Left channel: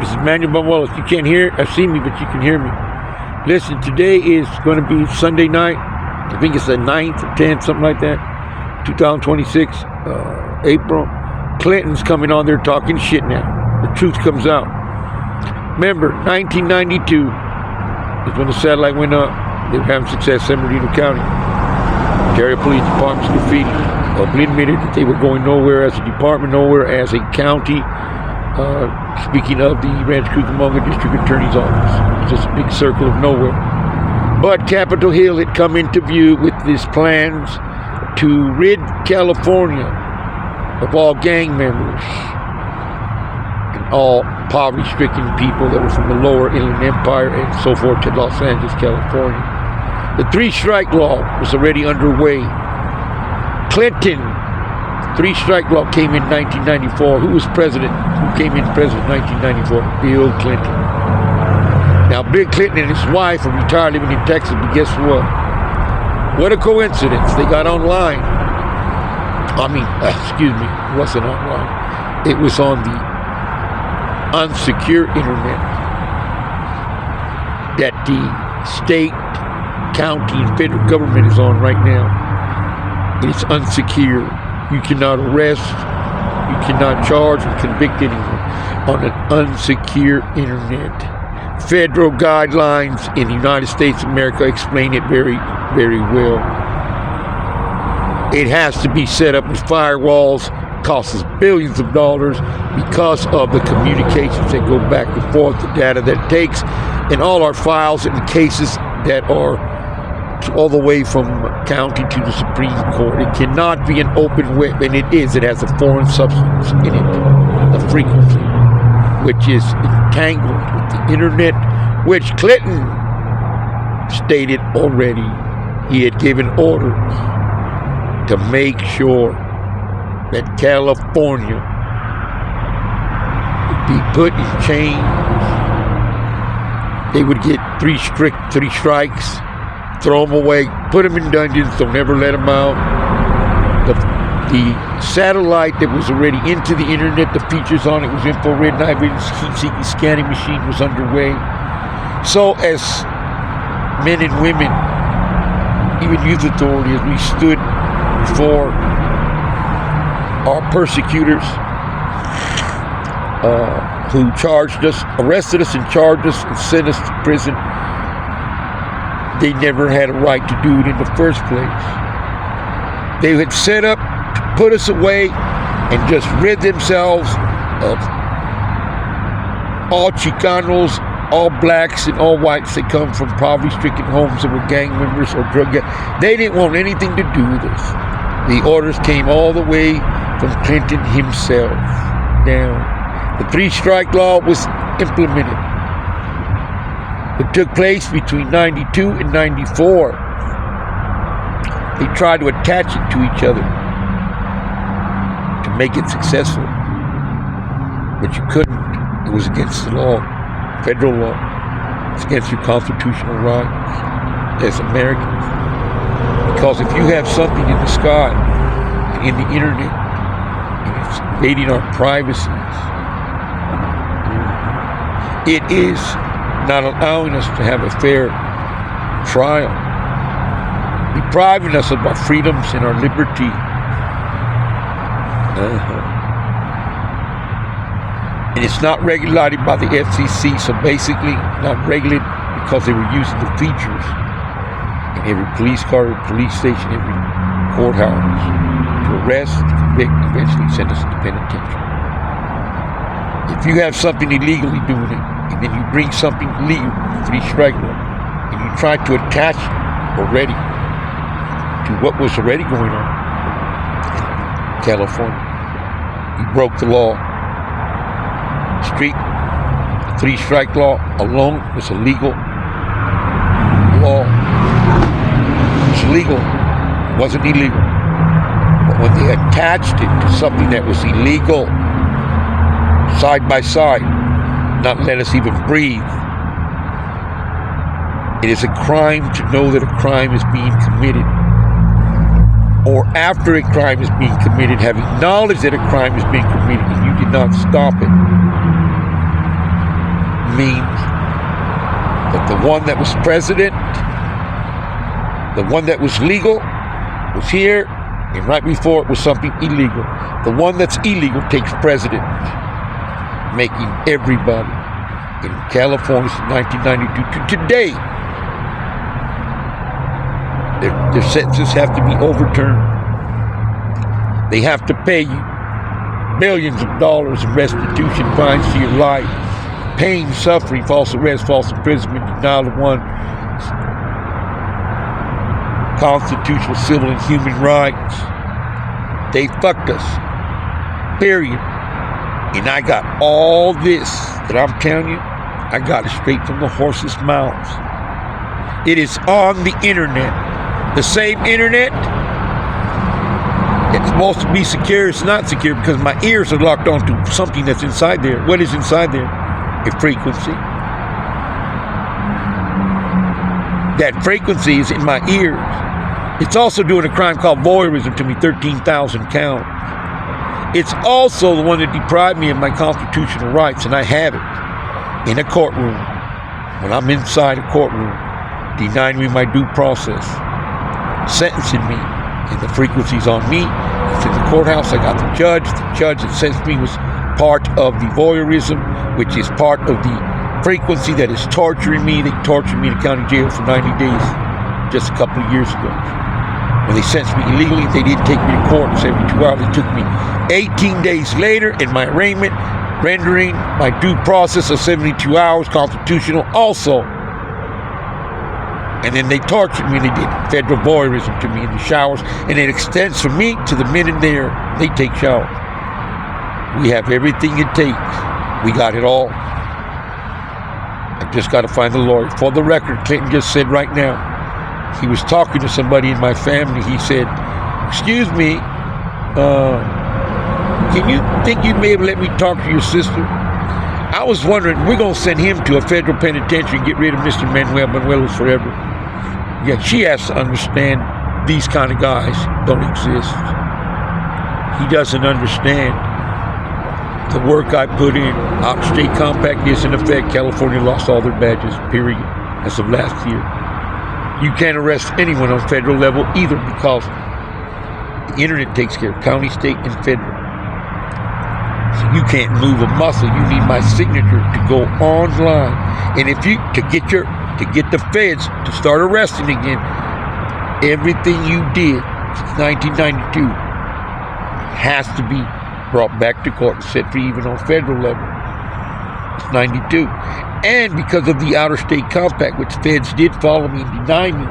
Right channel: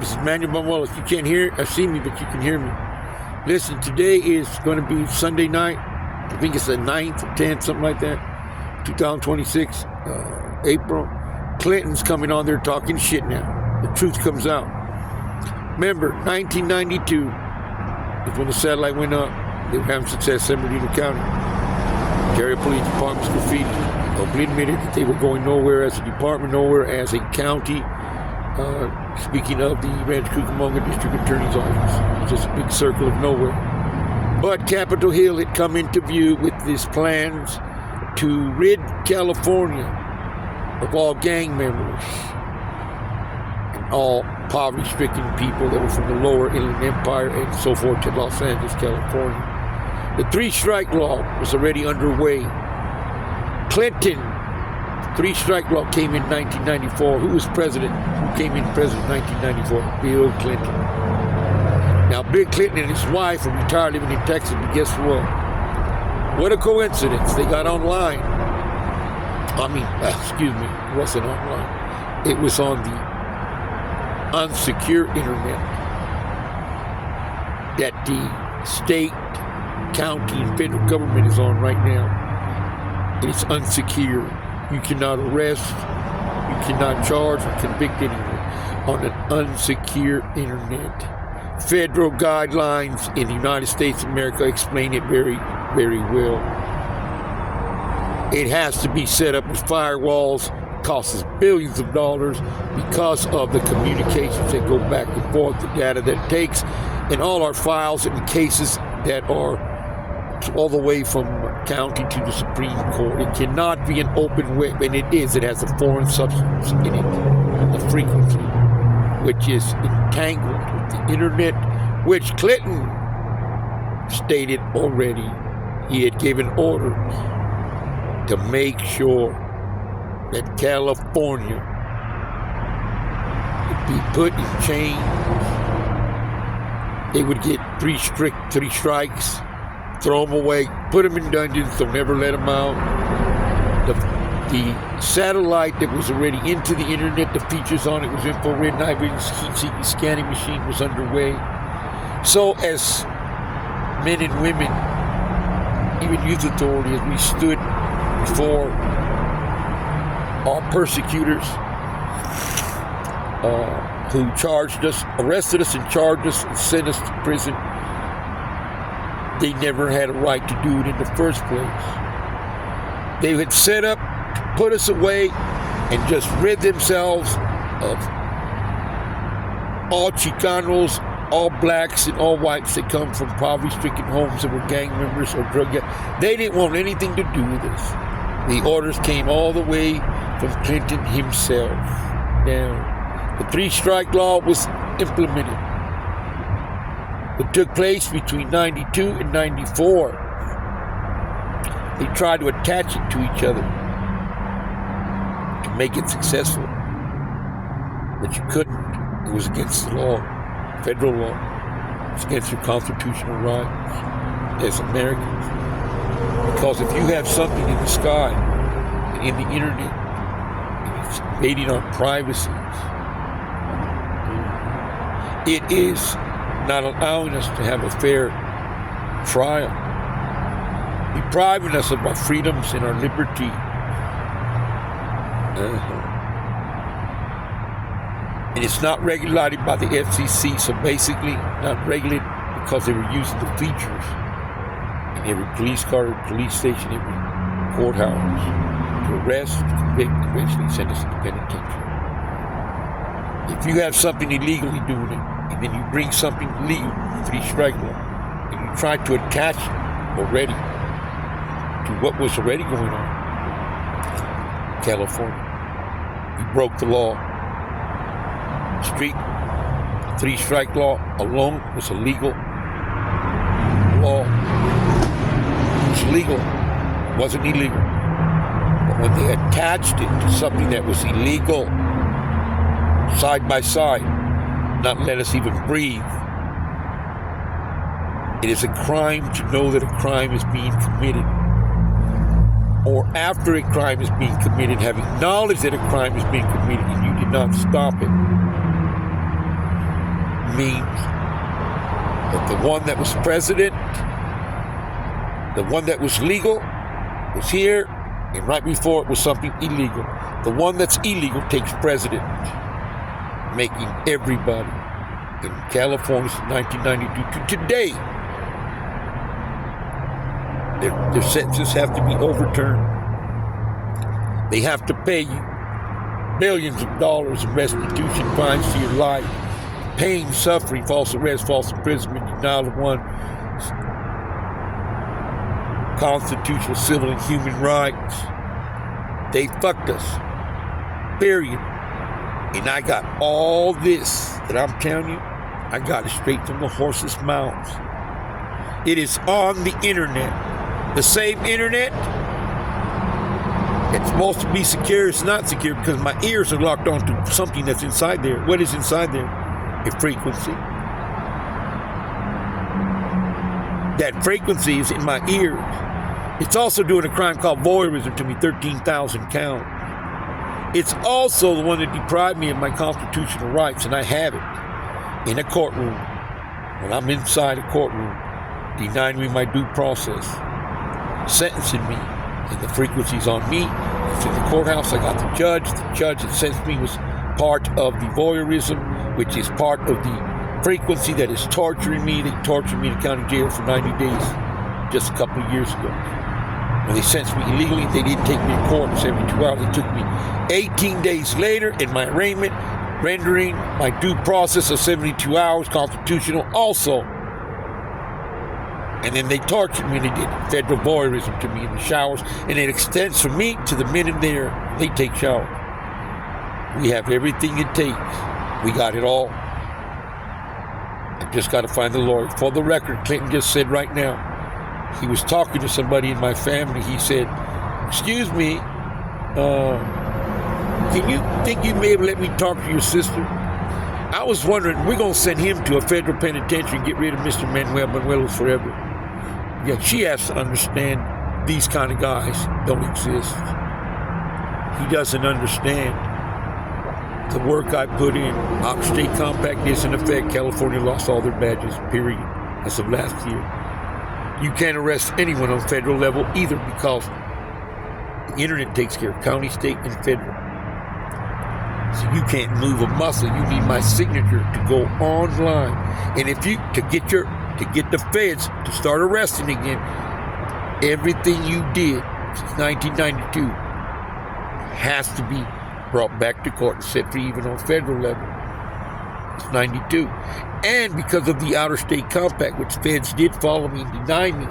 This is Manuel Banuelos. You can't see me, but you can hear me. Listen, today is going to be Sunday night. I think it's the 9th or 10th, something like that. 2026, April. Clinton's coming on there talking shit now. The truth comes out. Remember, 1992 is when the satellite went up. They were having success in San Bernardino County. Ontario Police Department's graffiti openly admitted that they were going nowhere as a department, nowhere as a county. Speaking of the Rancho Cucamonga District Attorney's Office, it's just a big circle of nowhere. But Capitol Hill had come into view with these plans to rid California of all gang members and all poverty-stricken people that were from the lower Inland Empire and so forth to Los Angeles, California. The three-strike law was already underway. Cliton, three-strike law came in 1994. Who was president? Who came in president in 1994? Bill Clinton. Now, Bill Clinton and his wife are retired living in Texas, but guess what? What a coincidence. They got online. It wasn't online. It was on the unsecure internet that the state, county, and federal government is on right now. It's unsecure. You cannot arrest, you cannot charge and convict anyone on an unsecure internet. Federal guidelines in the United States of America explain it very, very well. It has to be set up with firewalls, costs us billions of dollars because of the communications that go back and forth, the data that it takes, and all our files and cases that are all the way from county to the Supreme Court. It cannot be an open web, and it is. It has a foreign substance in it, the frequency, which is entangled with the internet, which Clinton stated already. He had given orders to make sure that California would be put in chains. They would get three strikes, throw them away, put them in dungeons, don't ever let them out. The satellite that was already into the internet, the features on it was infrared night vision, heat-seeking scanning machine was underway. So as men and women, even youth authority, as we stood before our persecutors who arrested us and charged us and sent us to prison, they never had a right to do it in the first place. They had set up to put us away and just rid themselves of all Chicanos, all blacks, and all whites that come from poverty-stricken homes that were gang members or drug gangs. They didn't want anything to do with us. The orders came all the way from Clinton himself down. The three-strike law was implemented. It took place between 92 and 94. They tried to attach it to each other to make it successful, but you couldn't. It was against the law, federal law. It's against your constitutional rights as Americans. Because if you have something in the sky and in the internet and it's invading our privacies, it is not allowing us to have a fair trial, depriving us of our freedoms and our liberty. And it's not regulated by the FCC, so basically not regulated because they were using the features in every police car, every police station, every courthouse to arrest, convict, eventually send us to the penitentiary. If you have something illegally doing it, and then you bring something legal, three-strike law, and you try to attach already to what was already going on in California, you broke the law. Three-strike law alone was a legal law. It was legal. It wasn't illegal. But when they attached it to something that was illegal, side by side, not let us even breathe. It is a crime to know that a crime is being committed. Or after a crime is being committed, having knowledge that a crime is being committed and you did not stop it. means that the one that was president, the one that was legal, was here, and right before it was something illegal. The one that's illegal takes president, making everybody in California since 1992 to today, their sentences have to be overturned. They have to pay you millions of dollars in restitution fines to your life, pain, suffering, false arrest, false imprisonment, denial of one constitutional, civil, and human rights. They fucked us, period. And I got all this that I'm telling you, I got it straight from the horse's mouths. It is on the internet. The same internet. It's supposed to be secure. It's not secure because my ears are locked onto something that's inside there. What is inside there? A frequency. That frequency is in my ears. It's also doing a crime called voyerism to me, 13,000 count. It's also the one that deprived me of my constitutional rights, and I have it in a courtroom. When I'm inside a courtroom, denying me my due process, sentencing me, and the frequency's on me. It's in the courthouse. I got the judge. The judge that sentenced me was part of the voyeurism, which is part of the frequency that is torturing me. They tortured me in the county jail for 90 days just a couple of years ago. When they sentenced me illegally, they didn't take me to court in 72 hours. They took me 18 days later in my arraignment, rendering my due process of 72 hours constitutional also. And then they tortured me. They did federal voyeurism to me in the showers. And it extends from me to the men in there. They take showers. We have everything it takes. We got it all. I've just got to find the lawyer. For the record, Cliton just said right now, he was talking to somebody in my family. He said, "Excuse me, can you think you may have let me talk to your sister?" I was wondering, we're going to send him to a federal penitentiary and get rid of Mr. Manuelos forever. Yeah, she has to understand these kind of guys don't exist. He doesn't understand the work I put in. Out-of-state compact is in effect. California lost all their badges, period, as of last year. You can't arrest anyone on federal level either because the internet takes care of county, state, and federal. So you can't move a muscle. You need my signature to go online. And if you to get the feds to start arresting again, everything you did since 1992 has to be brought back to court and set free even on federal level. It's 92. And because of the outer state compact, which feds did follow me and deny me,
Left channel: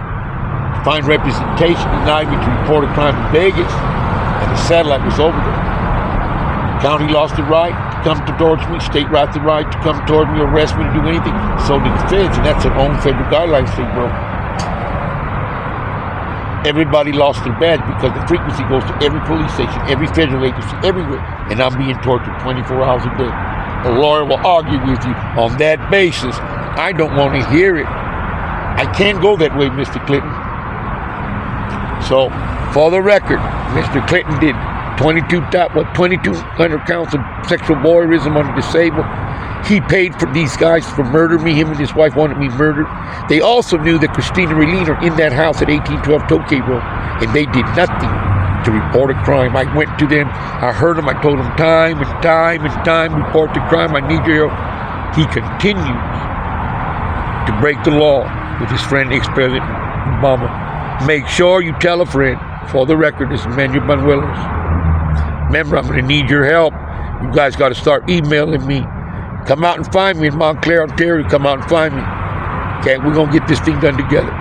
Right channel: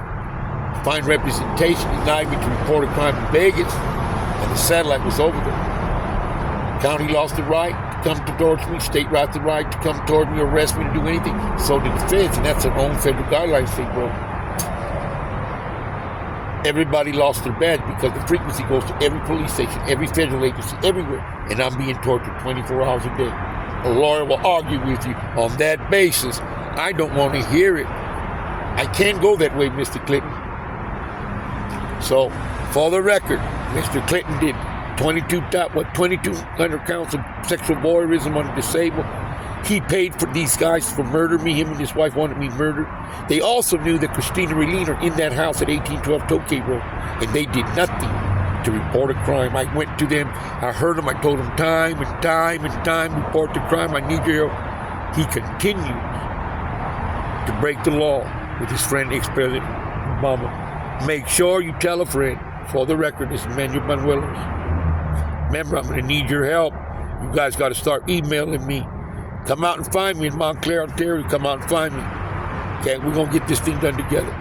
find representation, denied me to report a crime in Vegas, and the satellite was over there. County lost the right to come towards me. State lost the right to come towards me, arrest me, to do anything. So did the feds, and that's their own federal guidelines say, bro. Everybody lost their badge because the frequency goes to every police station, every federal agency, everywhere. And I'm being tortured 24 hours a day. A lawyer will argue with you on that basis. I don't want to hear it. I can't go that way, Mr. Cliton. So, for the record, Mr. Cliton did 2,200 counts of sexual voyeurism on disabled. He paid for these guys for murder me. Him and his wife wanted me murdered. They also knew that Christina and Raylene are in that house at 1812 Tokay Road, and they did nothing to report a crime. I went to them. I heard them. I told them time and time and time, report the crime. I need your help. He continues to break the law with his friend, ex-president Obama. Make sure you tell a friend. For the record, this is Manuelos. Remember, I'm going to need your help. You guys got to start emailing me. Come out and find me in Montclair, Ontario. Come out and find me. Okay, we're going to get this thing done together.